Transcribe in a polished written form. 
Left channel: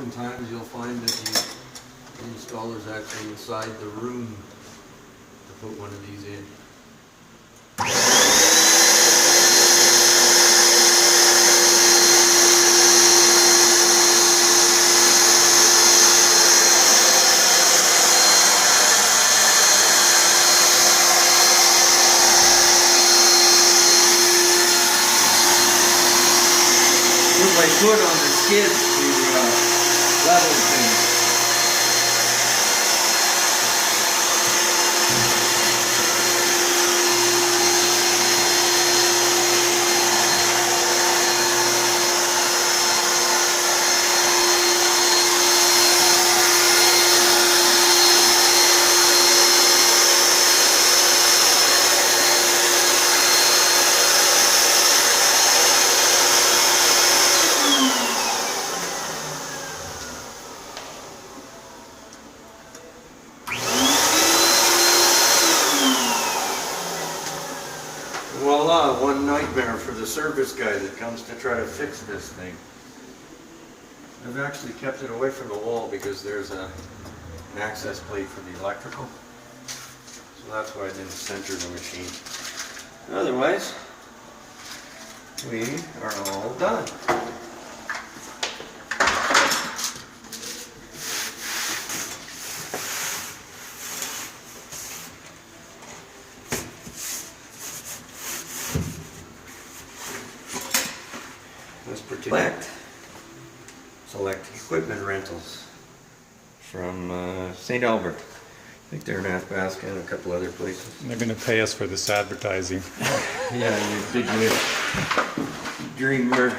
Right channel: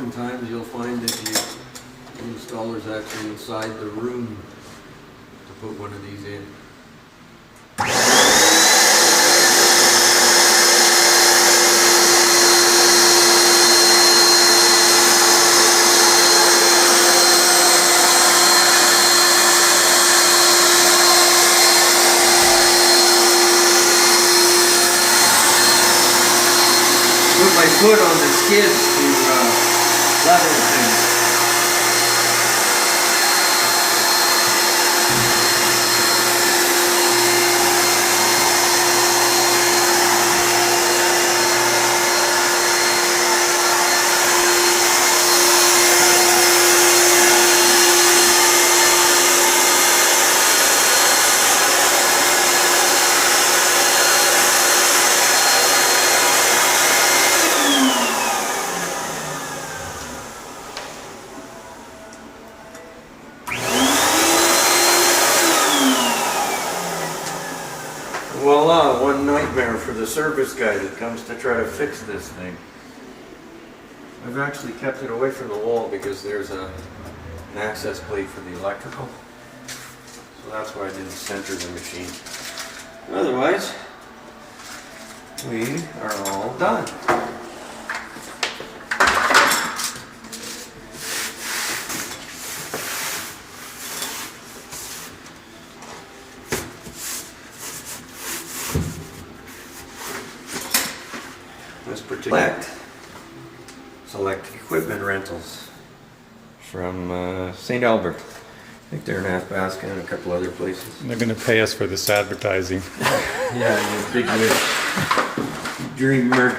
oftentimes you'll find that the installer's actually inside the room to put one of these in. Put my foot on the skids to level things. Voila, one nightmare for the service guy that comes to try to fix this thing. I've actually kept it away from the wall because there's an access plate for the electrical. So that's why I didn't center the machine. Otherwise, we are all done. This particular select equipment rentals from St. Albert. I think they're in Athabasca and a couple other places. They're going to pay us for this advertising. Yeah, you big wish. Dreamer.